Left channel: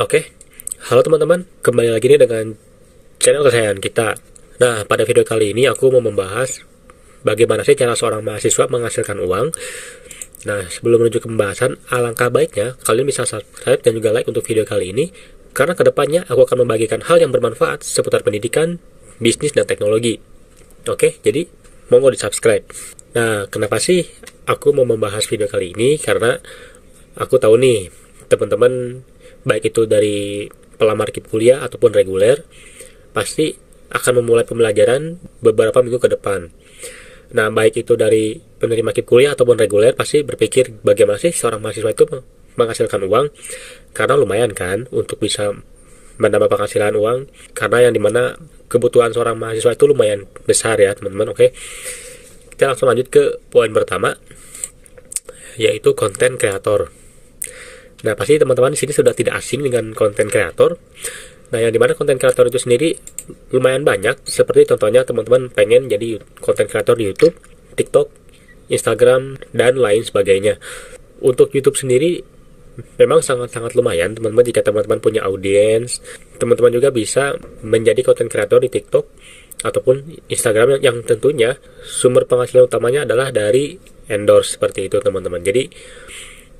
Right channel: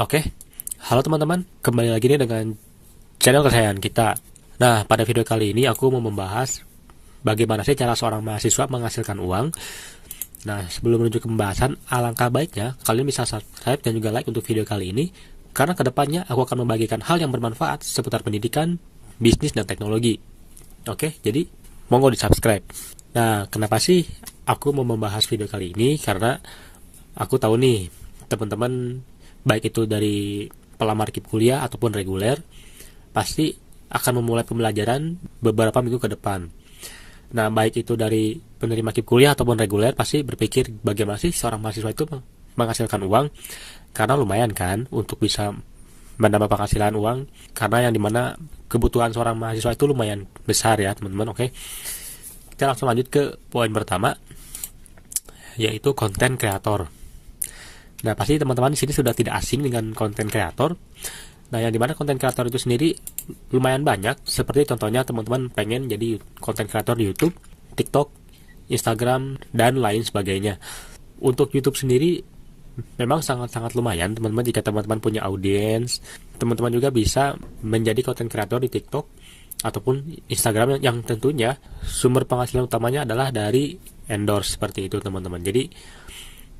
Oke. Halo teman-teman, kembali lagi nih dengan channel kesayangan kita. Nah, pada video kali ini aku mau membahas bagaimana sih cara seorang mahasiswa menghasilkan uang. Nah, sebelum menuju ke pembahasan, alangkah baiknya kalian bisa subscribe dan juga like untuk video kali ini, karena kedepannya aku akan membagikan hal yang bermanfaat seputar pendidikan, bisnis, dan teknologi. Oke, jadi monggo di subscribe. Nah, kenapa sih aku mau membahas video kali ini? Karena aku tahu nih, teman-teman baik itu dari pelamar KIP kuliah ataupun reguler pasti akan memulai pembelajaran beberapa minggu ke depan. Nah, baik itu dari penerima KIP kuliah ataupun reguler pasti berpikir bagaimana sih seorang mahasiswa itu menghasilkan uang, karena lumayan kan untuk bisa menambah penghasilan uang, karena yang dimana kebutuhan seorang mahasiswa itu lumayan besar ya teman-teman. Oke, kita langsung lanjut ke poin pertama, yaitu konten kreator. Nah, pasti teman-teman di sini sudah tidak asing dengan konten kreator. Nah, yang dimana konten kreator itu sendiri lumayan banyak. Seperti contohnya teman-teman pengen jadi konten kreator di YouTube, TikTok, Instagram, dan lain sebagainya. Untuk YouTube sendiri memang sangat-sangat lumayan, teman-teman. Jika teman-teman punya audiens, teman-teman juga bisa menjadi konten kreator di TikTok ataupun Instagram yang tentunya sumber penghasilan utamanya adalah dari endorse seperti itu, teman-teman. Jadi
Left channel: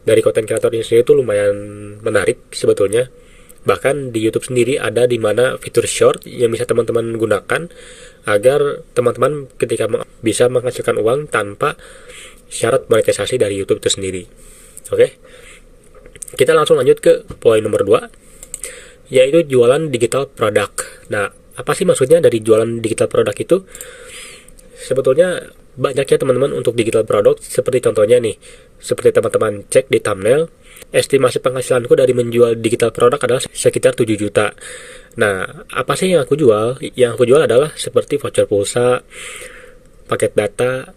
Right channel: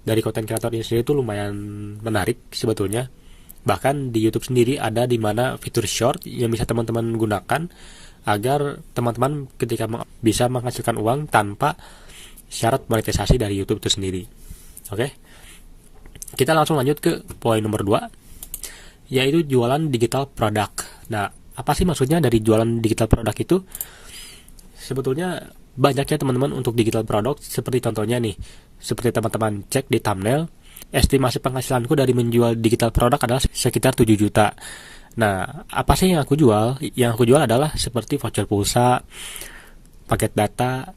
dari konten kreator ini sendiri itu lumayan menarik sebetulnya. Bahkan di YouTube sendiri ada di mana fitur short yang bisa teman-teman gunakan agar teman-teman ketika bisa menghasilkan uang tanpa syarat monetisasi dari YouTube itu sendiri. Oke, kita langsung lanjut ke poin nomor 2, yaitu jualan digital produk. Nah, apa sih maksudnya dari jualan digital produk itu? Sebetulnya banyak ya teman-teman untuk digital produk, seperti contohnya nih, seperti teman-teman cek di thumbnail, estimasi penghasilanku dari menjual digital produk adalah sekitar 7 juta. Nah, apa sih yang aku jual? Yang aku jual adalah seperti voucher pulsa, paket data,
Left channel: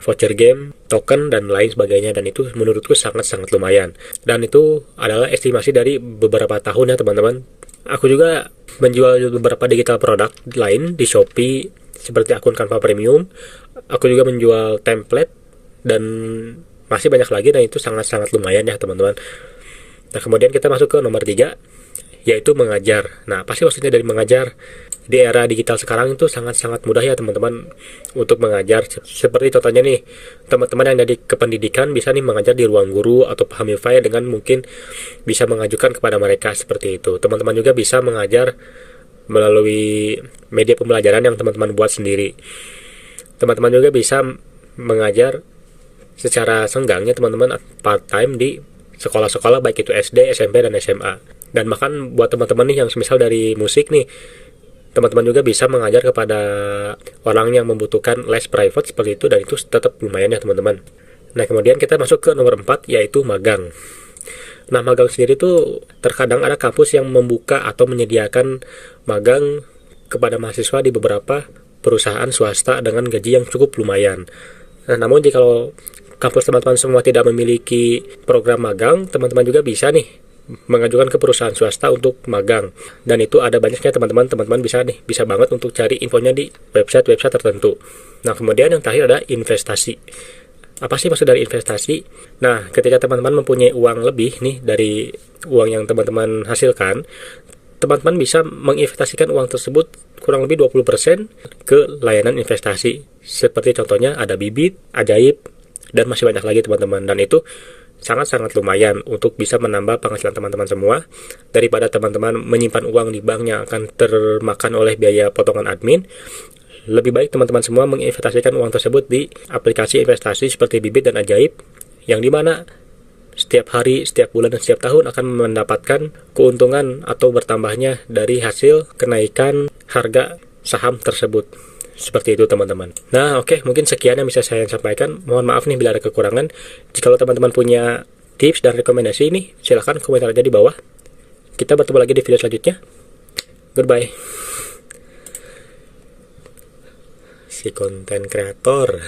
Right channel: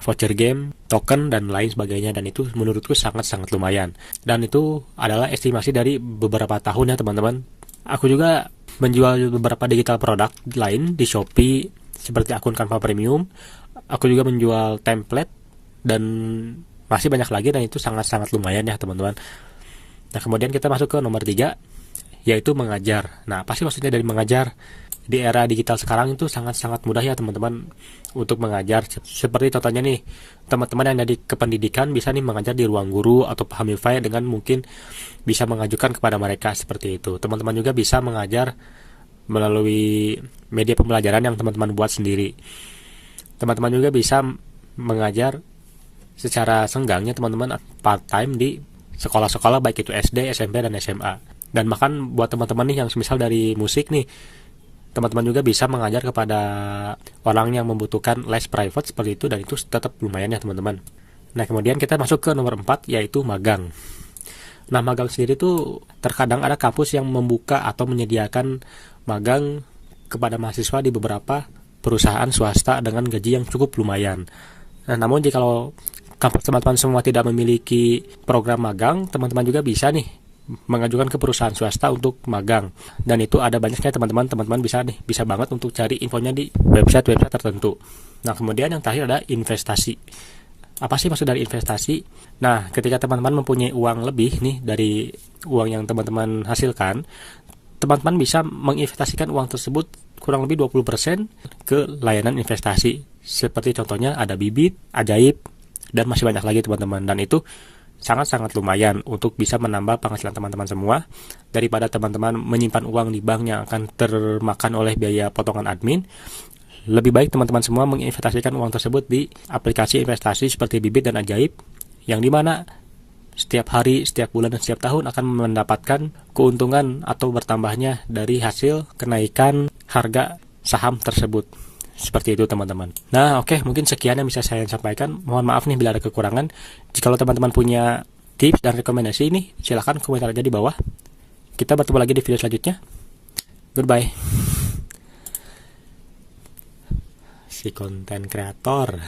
voucher game, token, dan lain sebagainya. Dan itu menurutku sangat-sangat lumayan. Dan itu adalah estimasi dari beberapa tahun ya teman-teman. Aku juga menjual beberapa digital produk lain di Shopee, seperti akun Canva Premium. Aku juga menjual template dan masih banyak lagi, dan itu sangat-sangat lumayan ya teman-teman. Nah, kemudian kita masuk ke nomor 3, yaitu mengajar. Nah, apa sih maksudnya dari mengajar? Di era digital sekarang itu sangat-sangat mudah ya teman-teman untuk mengajar. Seperti contohnya nih, teman-teman yang jadi kependidikan bisa nih mengajar di ruang guru atau Hamify dengan mungkin bisa mengajukan kepada mereka seperti itu. Teman-teman juga bisa mengajar melalui media pembelajaran yang teman-teman buat sendiri. Teman-teman juga bisa mengajar secara senggangnya teman-teman part time di sekolah-sekolah baik itu SD, SMP, dan SMA. Dan bahkan buat teman-teman nih yang semisal dari musik nih, teman-teman juga bisa mengajar kepada orang yang membutuhkan les private seperti itu, dan itu tetap lumayan ya teman-teman. Nah, kemudian kita masuk ke nomor 4, yaitu magang. Nah, magang sendiri tuh terkadang ada kampus yang membuka atau menyediakan magang kepada mahasiswa di beberapa perusahaan swasta dengan gaji yang cukup lumayan. Nah, namun jika kampus teman-teman semua tidak memiliki program magang, teman-teman juga bisa nih mengajukan ke perusahaan swasta untuk magang. Dan itu ada banyaknya teman-teman bisa banget untuk cari infonya di website-website tertentu. Nah, kemudian yang terakhir ada investasi. Apa sih maksud dari investasi? Nah, ketika teman-teman mempunyai uang lebih nih dari uang yang teman-teman hasilkan, teman-teman bisa menginvestasikan uang tersebut kurang lebih 20% ke layanan investasi. Seperti contohnya ada Bibit, Ajaib, dan masih banyak lagi teman-teman. Dan itu sangat-sangat lumayan untuk bisa menambah penghasilan teman-teman semua, daripada teman-teman menyimpan uang di bank yang akan termakan oleh biaya potongan admin. Lebih baik teman-teman semua menginvestasikan uang tersebut di aplikasi investasi seperti Bibit dan Ajaib, yang dimana setiap hari, setiap bulan, dan setiap tahun akan mendapatkan keuntungan atau bertambahnya dari hasil kenaikan harga saham tersebut. Seperti itu teman-teman. Nah, oke, mungkin sekian yang bisa saya sampaikan. Mohon maaf nih bila ada kekurangan. Jika teman-teman punya tips dan rekomendasi ini, silahkan komentar aja di bawah. Kita bertemu lagi di video selanjutnya. Goodbye. Si konten kreator.